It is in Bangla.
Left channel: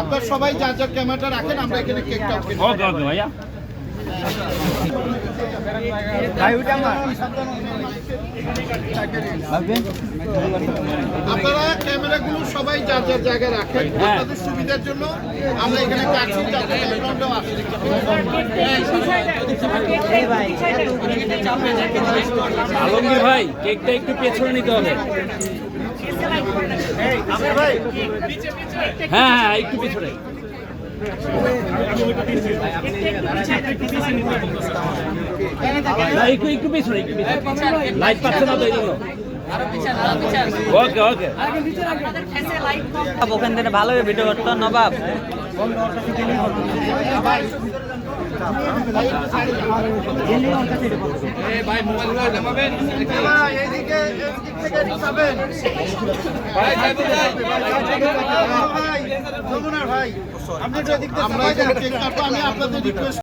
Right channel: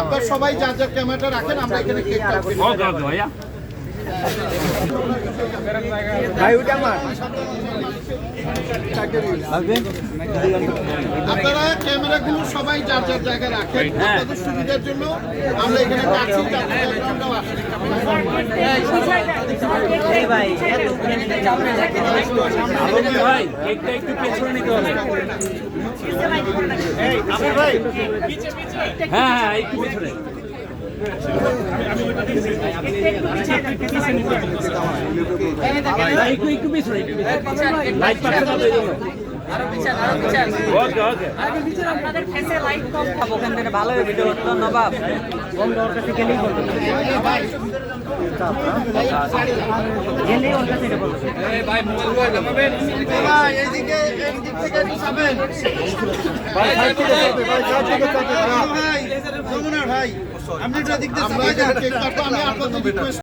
আপনার সবাই যা যা ক্যামেরাটা রাখেন, আমরা এখানে কেক কাটবো। ওকে ওকে ভাইয়া। আপনারা ক্যামেরাগুলো সবাই যার যার জায়গায় রাখেন, আপনাদের সুবিধার জন্য আমরা এখানে কাটছি, যাতে ব্যাকগ্রাউন্ডটাও আসে। ভাই কেকটা একটু পেছনে নিতে হবে। হ্যাঁ হ্যাঁ একটু পেছনে। একটু পেছনে লাইট পাচ্ছে না তাই জন্য। ওকে ওকে ওখান থেকে ভালো ভিডিও করতো নবাব। ভাই মোবাইল নামাবেন। ভাই এইদিকে এইদিক থেকে যাবেন। ভাই যমুনার ভাই, আমরা এদিক দিয়ে কেক কাটবো। আমি আপনাদের রিকোয়েস্ট